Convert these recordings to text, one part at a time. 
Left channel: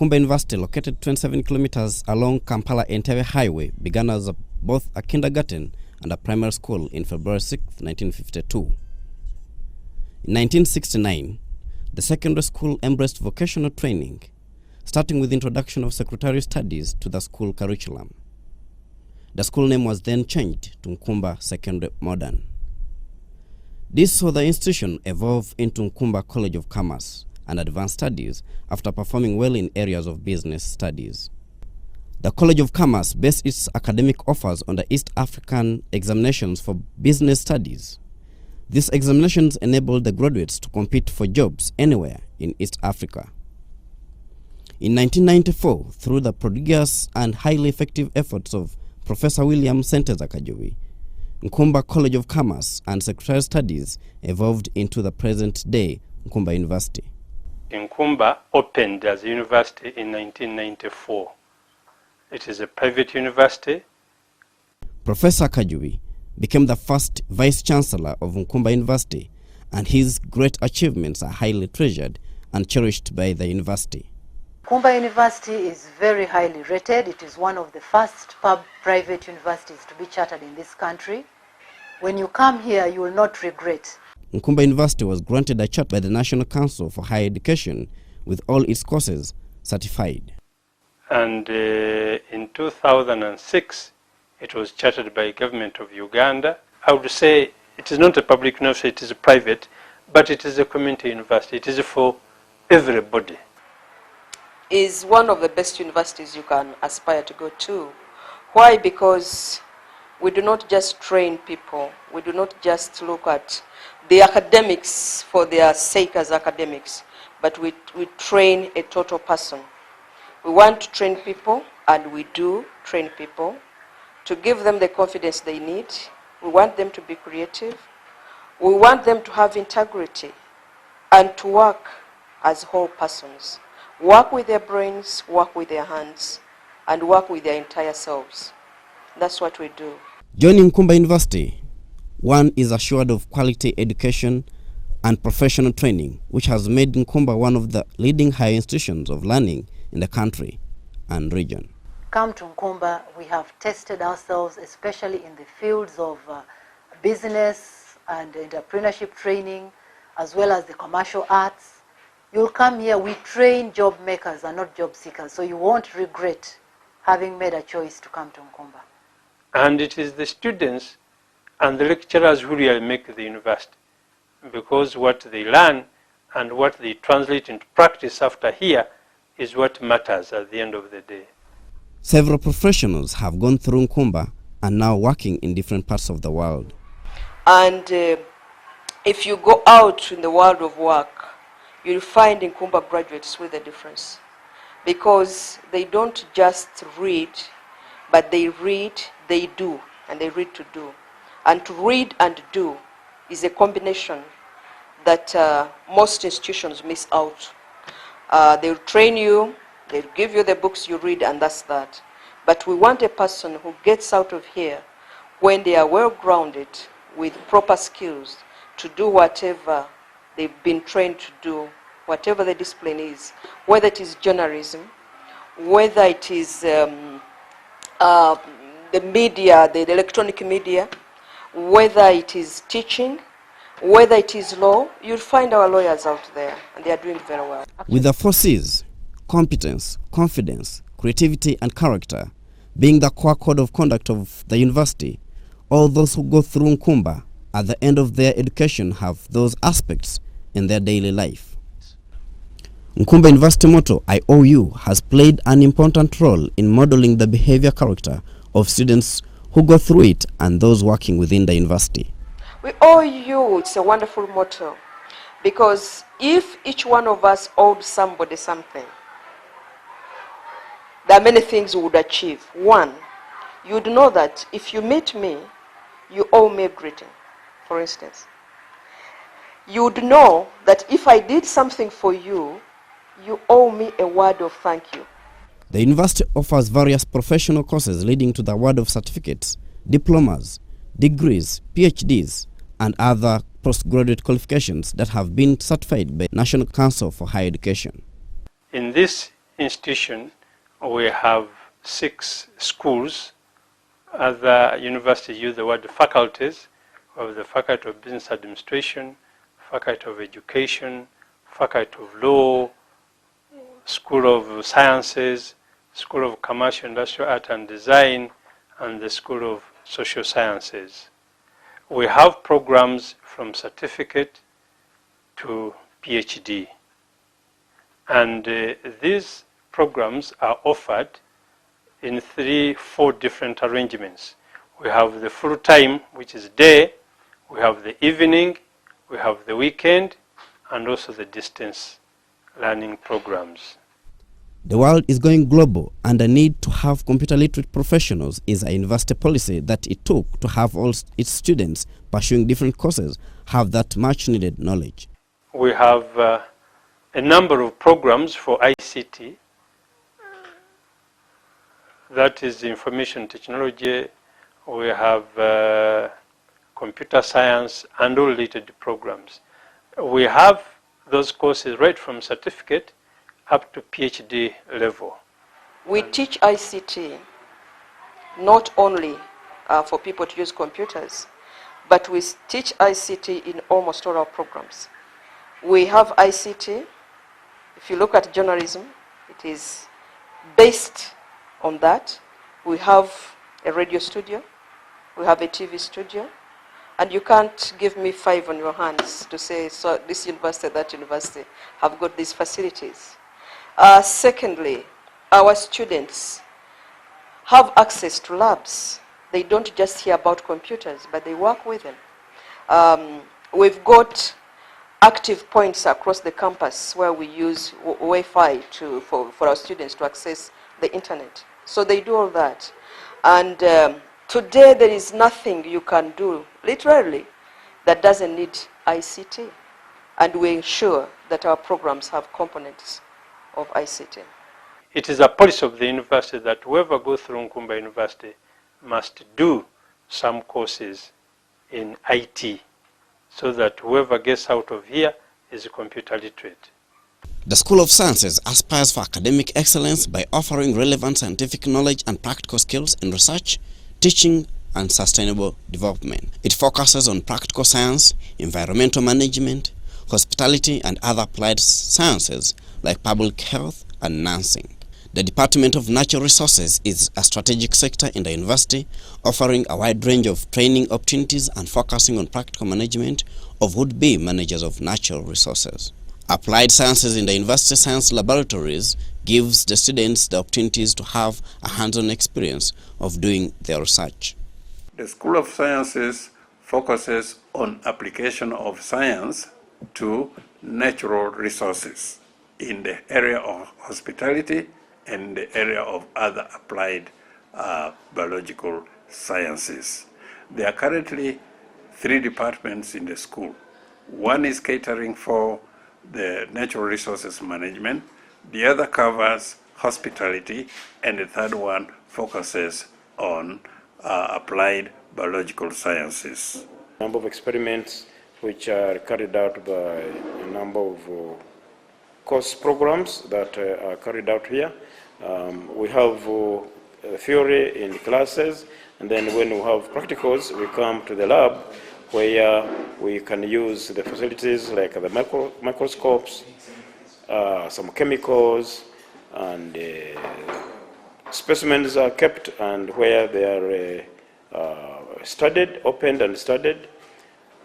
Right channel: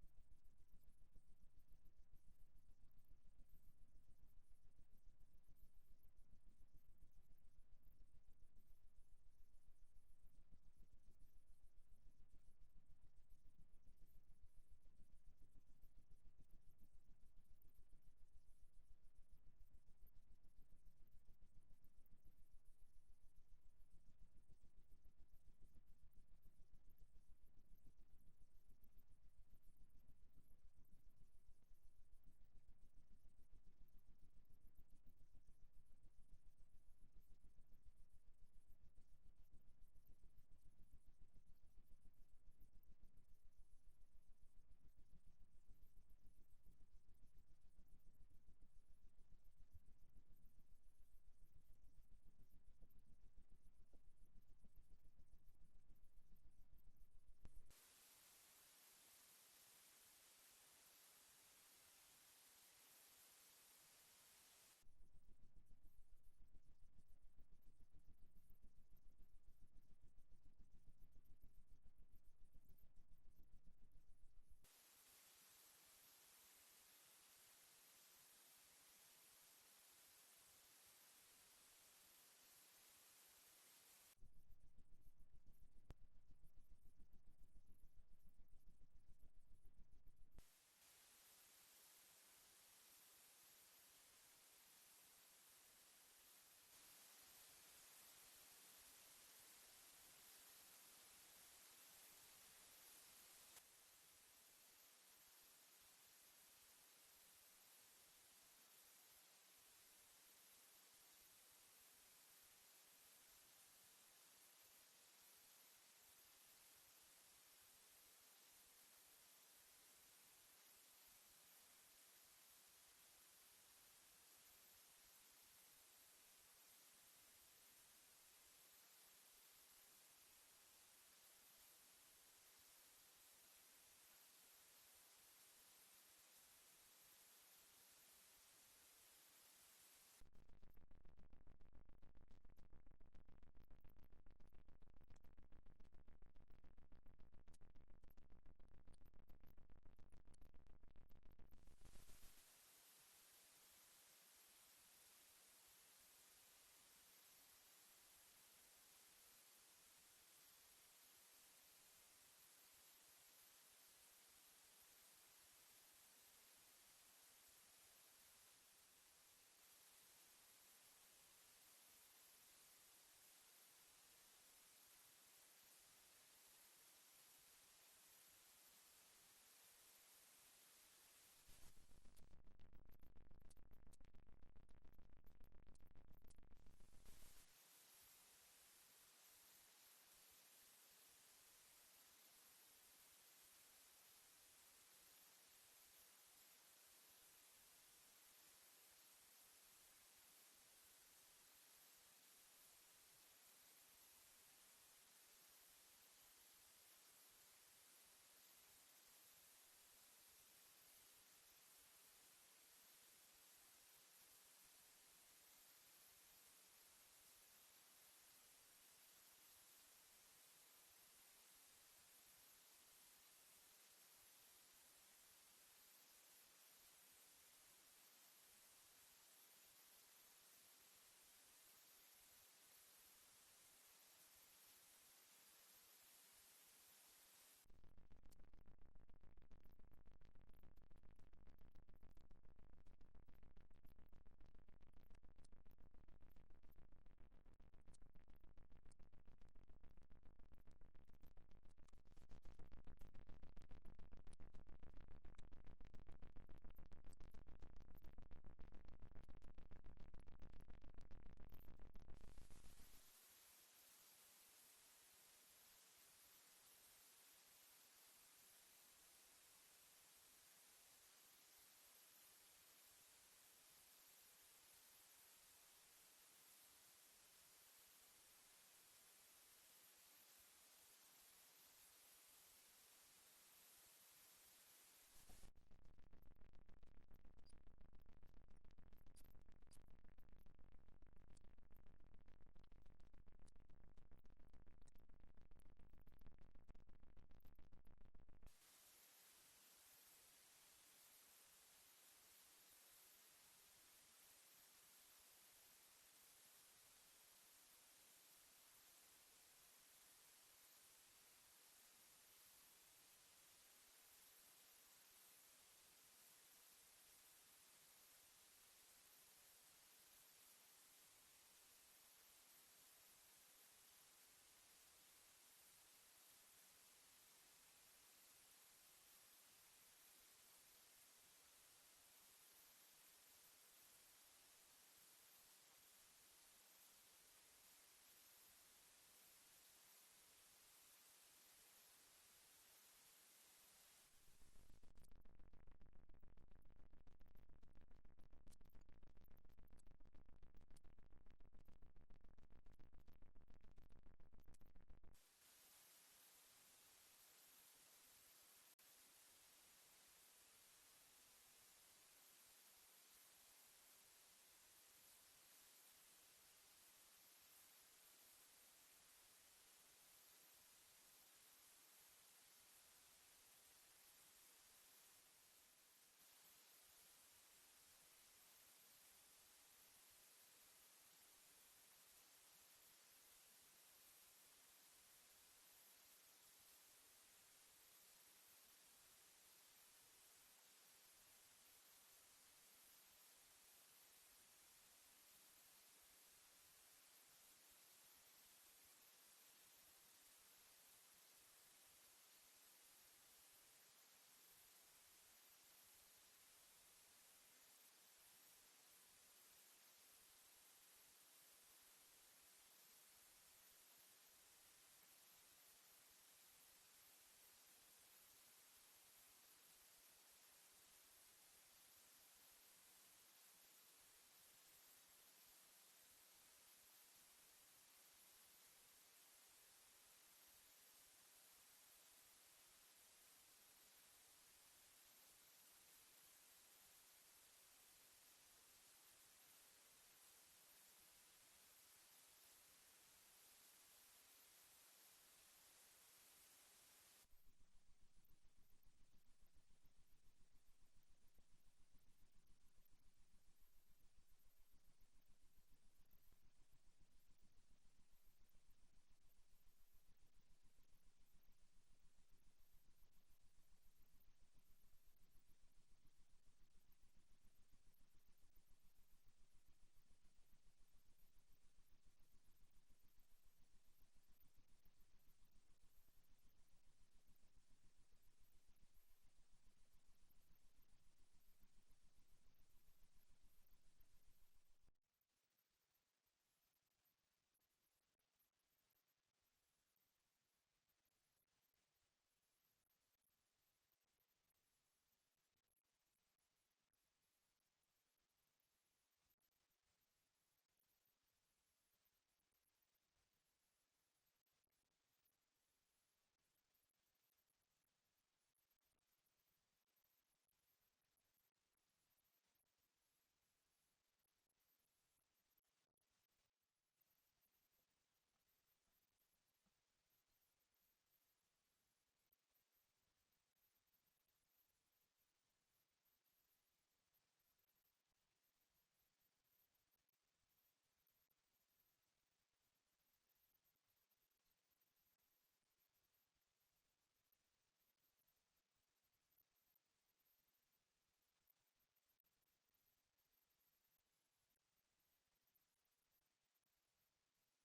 Nkumba University, located 27 kilometers along Kampala-Entebbe Highway, began as both a kindergarten and a primary school in February 6, 1952. In 1969, the secondary school embraced vocational training, starting with the introduction of secretarial studies to the school curriculum. The school name was then changed to Nkumba Secondary Modern. This saw the institution evolve into Nkumba College of Commerce and Advanced Studies after performing well in areas of business studies. The College of Commerce based its academic offers on the East African examinations for business studies. These examinations enabled the graduates to compete for jobs anywhere in East Africa. In 1994, through the prodigious and highly effective efforts of Professor William Senteza Kajubi, Nkumba College of Commerce and Secretarial Studies evolved into the present-day Nkumba University. Nkumba opened as a university in 1994. It is a private university. Professor Kajubi became the first Vice-Chancellor of Nkumba University, and his great achievements are highly treasured and cherished by the university. Nkumba University is very highly rated. It is one of the first private universities to be chartered in this country. When you come here, you will not regret. Nkumba University was granted a charter by the National Council for Higher Education, with all its courses certified. And in 2006, it was chartered by the government of Uganda. I would say it is not a public university, it is a private, but it is a community university. It is for everybody. Is one of the best universities you can aspire to go to. Why? Because we do not just train people. We do not just look at the academics for their sake as academics, but we train a total person. We want to train people, and we do train people, to give them the confidence they need. We want them to be creative. We want them to have integrity and to work as whole persons. Work with their brains, work with their hands, and work with their entire selves. That's what we do. Joining Nkumba University, one is assured of quality education and professional training, which has made Nkumba one of the leading higher institutions of learning in the country and region. Come to Nkumba, we have tested ourselves, especially in the fields of business and entrepreneurship training, as well as the commercial arts. You'll come here, we train job makers and not job seekers, so you won't regret having made a choice to come to Nkumba. And it is the students and the lecturers who really make the university, because what they learn and what they translate into practice after here is what matters at the end of the day. Several professionals have gone through Nkumba and now working in different parts of the world. And if you go out in the world of work, you'll find Nkumba graduates with a difference, because they don't just read, but they read, they do, and they read to do. And to read and do is a combination that most institutions miss out. They'll train you, they'll give you the books you read, and that's that. But we want a person who gets out of here when they are well-grounded with proper skills to do whatever they've been trained to do, whatever the discipline is, whether it is journalism, whether it is the media, the electronic media, whether it is teaching, whether it is law. You'll find our lawyers out there, and they are doing very well. With the 4 C's, competence, confidence, creativity, and character being the core code of conduct of the university, all those who go through Nkumba at the end of their education have those aspects in their daily life. Nkumba University motto, I owe you, has played an important role in modeling the behavior character of students who go through it and those working within the university. We owe you, it's a wonderful motto, because if each one of us owed somebody something, there are many things we would achieve. One, you'd know that if you meet me, you owe me a greeting, for instance. You'd know that if I did something for you, you owe me a word of thank you. The university offers various professional courses leading to the award of certificates, diplomas, degrees, PhDs, and other postgraduate qualifications that have been certified by National Council for Higher Education. In this institution, we have 6 schools. Other universities use the word faculties. We have the Faculty of Business Administration, Faculty of Education, Faculty of Law, School of Sciences, School of Commercial, Industrial Art and Design, and the School of Social Sciences. We have programs from certificate to PhD. And these programs are offered in 3-4 different arrangements. We have the full time, which is day, we have the evening, we have the weekend, and also the distance learning programs. The world is going global, and the need to have computer literate professionals is a university policy that it took to have all its students pursuing different courses have that much needed knowledge. We have a number of programs for ICT, that is information technology. We have computer science and all related programs. We have those courses right from certificate up to PhD level. We teach ICT not only for people to use computers, but we teach ICT in almost all our programs. We have ICT. If you look at journalism, it is based on that. We have a radio studio, we have a TV studio, and you can't give me 5 on your hands to say, so this university, that university have got these facilities. Secondly, our students have access to labs. They don't just hear about computers, but they work with them. We've got active points across the campus where we use Wi-Fi for our students to access the internet. So they do all that. And today there is nothing you can do, literally, that doesn't need ICT. And we ensure that our programs have components of ICT. It is a policy of the university that whoever goes through Nkumba University must do some courses in IT, so that whoever gets out of here is computer literate. The School of Sciences aspires for academic excellence by offering relevant scientific knowledge and practical skills in research, teaching, and sustainable development. It focuses on practical science, environmental management, hospitality, and other applied sciences like public health and nursing. The Department of Natural Resources is a strategic sector in the university, offering a wide range of training opportunities and focusing on practical management of would-be managers of natural resources. Applied sciences in the university science laboratories gives the students the opportunities to have a hands-on experience of doing their research. The School of Sciences focuses on application of science to natural resources in the area of hospitality and the area of other applied biological sciences. There are currently 3 departments in the school. One is catering for the natural resources management, the other covers hospitality, and the third one focuses on applied biological sciences. A number of experiments which are carried out by a number of course programs that are carried out here. We have theory in classes, and then when we have practicals, we come to the lab where we can use the facilities like the microscopes, some chemicals, and specimens are kept, and where they are studied, opened and studied,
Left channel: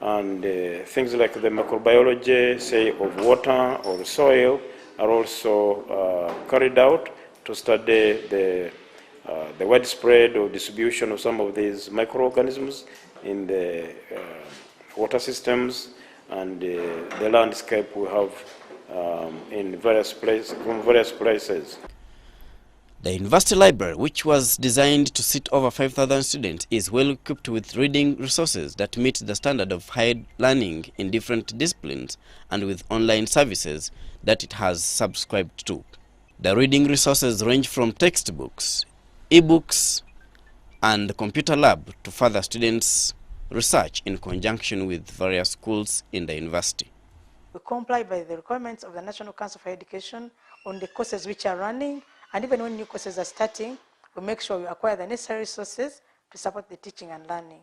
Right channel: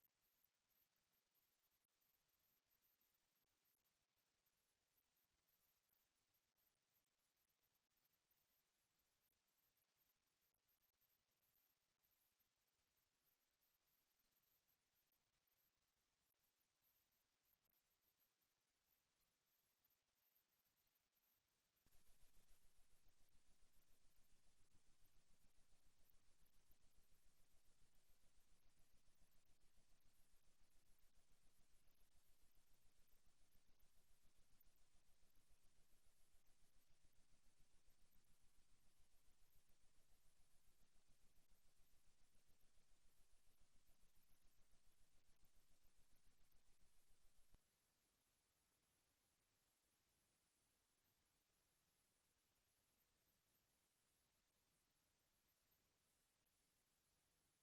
and things like the microbiology, say, of water or soil are also carried out to study the widespread or distribution of some of these microorganisms in the water systems and the landscape we have in various places. The university library, which was designed to seat over 5,000 students, is well equipped with reading resources that meet the standard of higher learning in different disciplines and with online services that it has subscribed to. The reading resources range from textbooks, e-books, and computer lab to further students' research in conjunction with various schools in the university. We comply by the requirements of the National Council for Education on the courses which are running, and even when new courses are starting, we make sure we acquire the necessary resources to support the teaching and learning.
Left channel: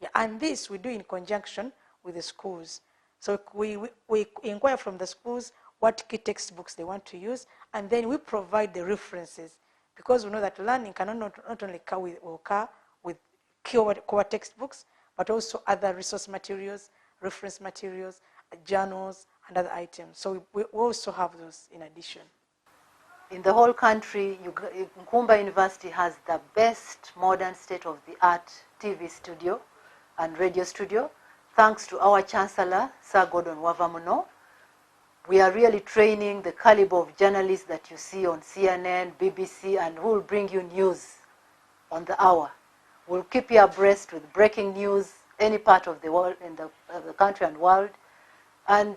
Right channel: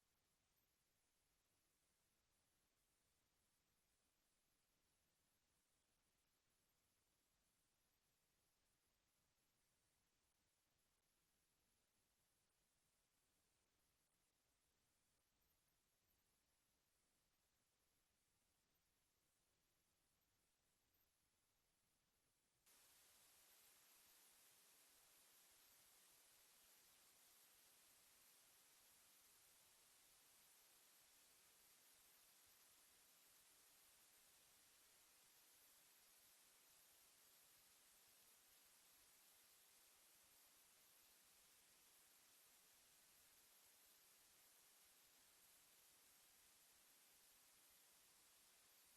Yeah, and this we do in conjunction with the schools. So we inquire from the schools what key textbooks they want to use, and then we provide the references, because we know that learning cannot not only occur with core textbooks, but also other resource materials, reference materials, journals, and other items. So we also have those in addition. In the whole country, Nkumba University has the best modern state-of-the-art TV studio and radio studio, thanks to our Chancellor, Sir Gordon Wavamuno. We are really training the caliber of journalists that you see on CNN, BBC, and who will bring you news on the hour. We'll keep you abreast with breaking news, any part of the world, in the country and world. And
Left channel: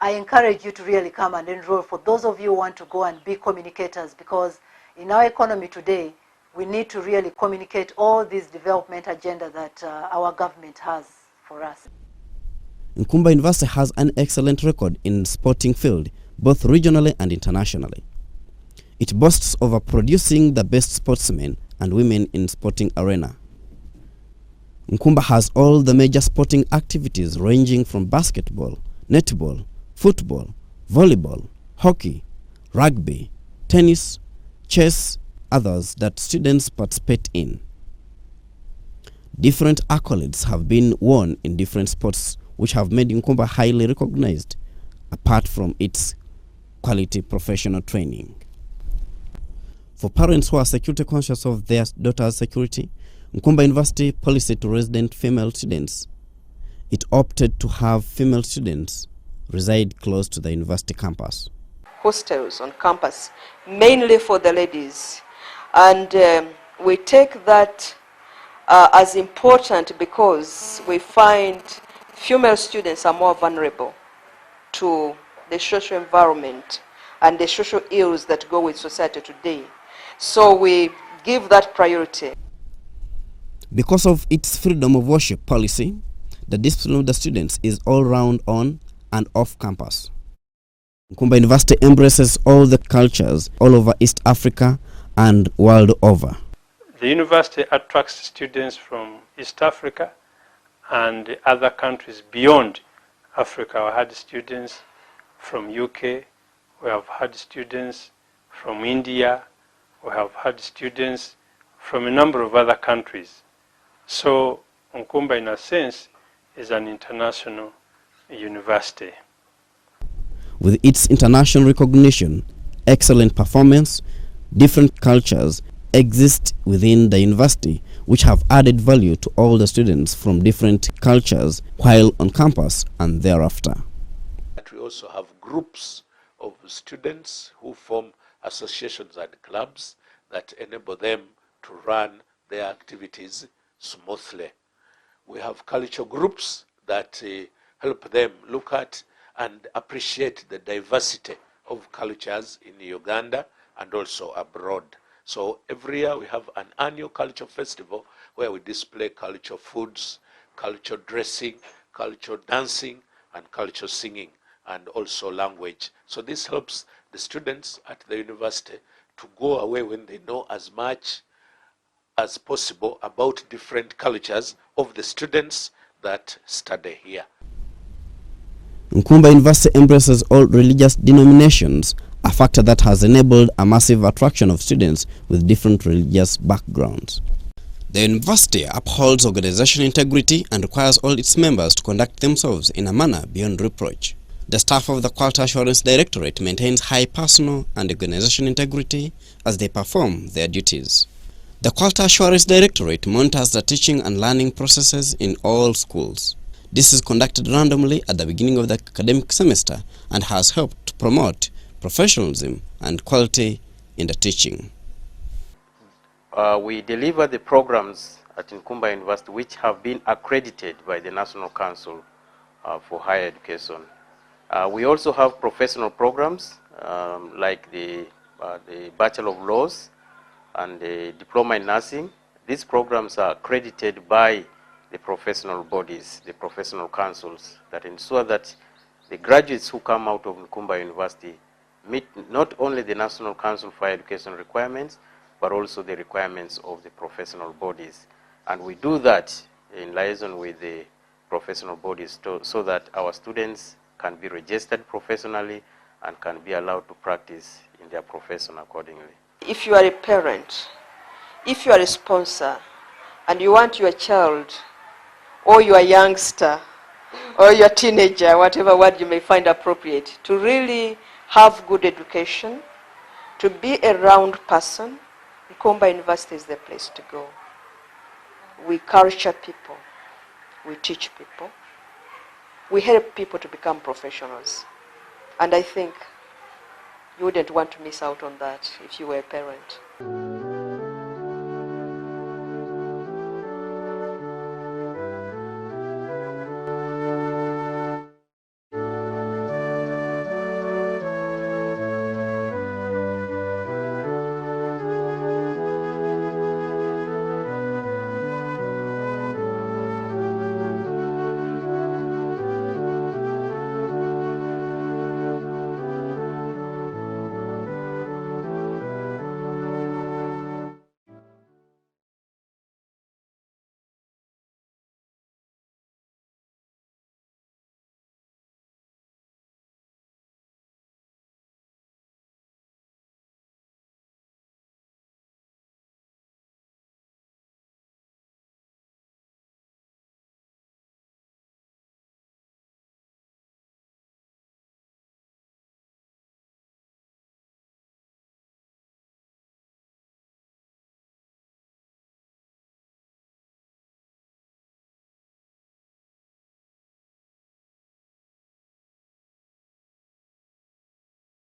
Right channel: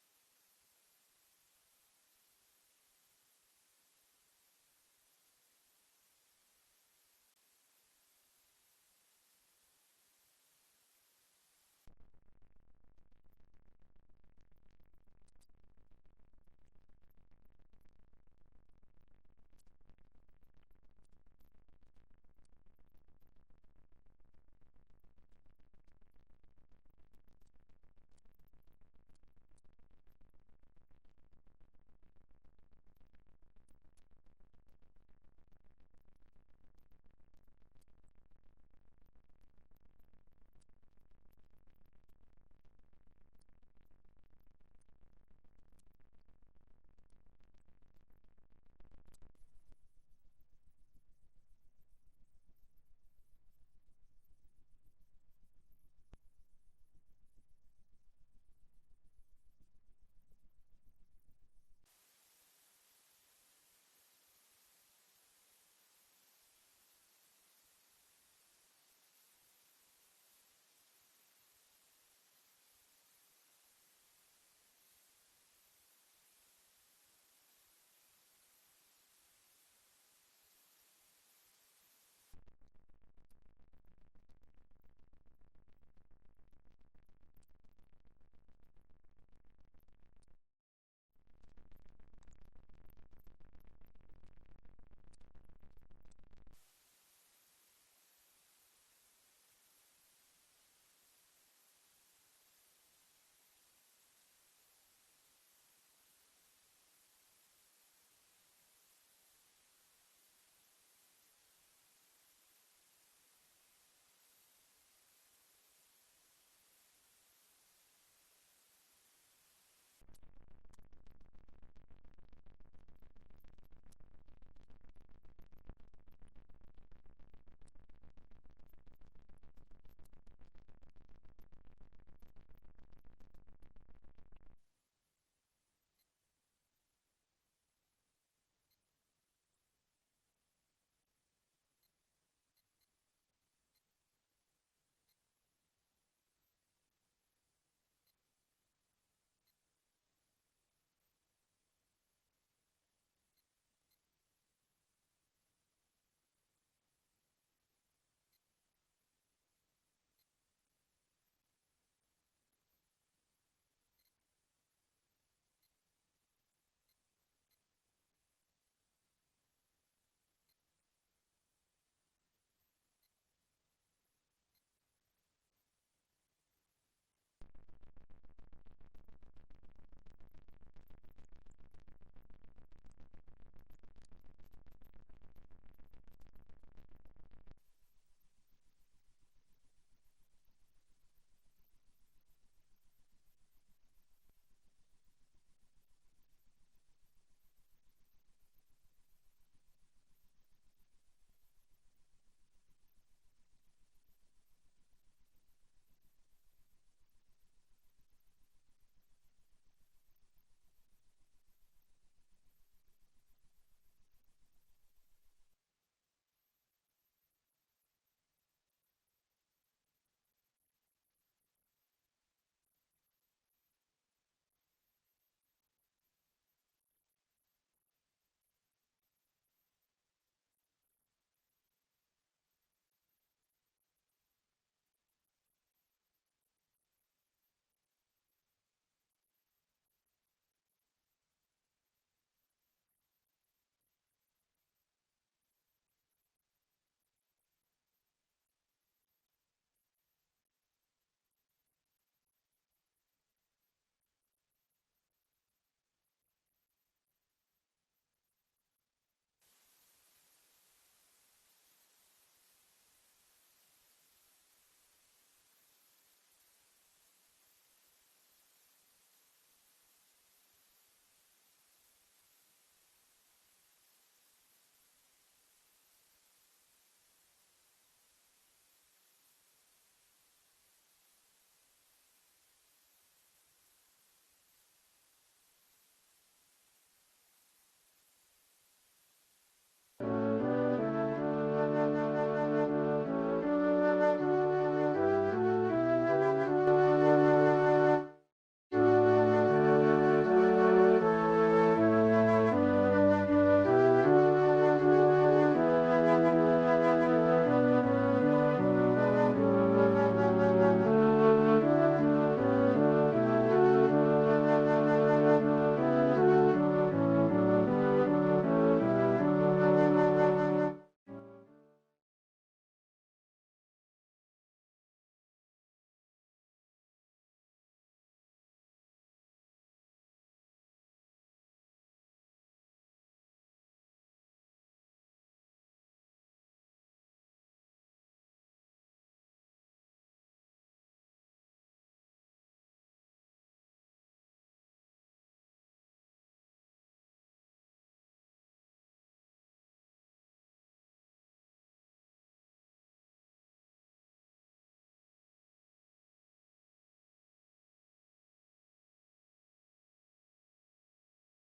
I encourage you to really come and enroll for those of you who want to go and be communicators, because in our economy today, we need to really communicate all this development agenda that our government has for us. Nkumba University has an excellent record in sporting field, both regionally and internationally. It boasts of producing the best sportsmen and women in sporting arena. Nkumba has all the major sporting activities ranging from basketball, netball, football, volleyball, hockey, rugby, tennis, chess, others that students participate in. Different accolades have been won in different sports, which have made Nkumba highly recognized, apart from its quality professional training. For parents who are security conscious of their daughter's security, Nkumba University policy to resident female students, it opted to have female students reside close to the university campus. Hostels on campus, mainly for the ladies. And we take that as important because we find female students are more vulnerable to the social environment and the social ills that go with society today. So we give that priority. Because of its freedom of worship policy, the discipline of the students is all round on and off campus. Nkumba University embraces all the cultures all over East Africa and world over. The university attracts students from East Africa and other countries beyond Africa. We had students from UK, we have had students from India, we have had students from a number of other countries. So Nkumba, in a sense, is an international university. With its international recognition, excellent performance, different cultures exist within the university, which have added value to all the students from different cultures while on campus and thereafter. We also have groups of students who form associations and clubs that enable them to run their activities smoothly. We have cultural groups that help them look at and appreciate the diversity of cultures in Uganda and also abroad. So every year we have an annual culture festival where we display cultural foods, cultural dressing, cultural dancing, and cultural singing, and also language. So this helps the students at the university to go away when they know as much as possible about different cultures of the students that study here. Nkumba University embraces all religious denominations, a factor that has enabled a massive attraction of students with different religious backgrounds. The university upholds organizational integrity and requires all its members to conduct themselves in a manner beyond reproach. The staff of the Quality Assurance Directorate maintains high personal and organizational integrity as they perform their duties. The Quality Assurance Directorate monitors the teaching and learning processes in all schools. This is conducted randomly at the beginning of the academic semester and has helped to promote professionalism and quality in the teaching. We deliver the programs at Nkumba University which have been accredited by the National Council for Higher Education. We also have professional programs like the Bachelor of Laws and the Diploma in Nursing. These programs are accredited by the professional bodies, the professional councils, that ensure that the graduates who come out of Nkumba University meet not only the National Council for Higher Education requirements, but also the requirements of the professional bodies. And we do that in liaison with the professional bodies so that our students can be registered professionally and can be allowed to practice in their profession accordingly. If you are a parent, if you are a sponsor, and you want your child or your youngster or your teenager, whatever word you may find appropriate, to really have good education, to be a round person, Nkumba University is the place to go. We culture people, we teach people, we help people to become professionals. And I think you wouldn't want to miss out on that if you were a parent.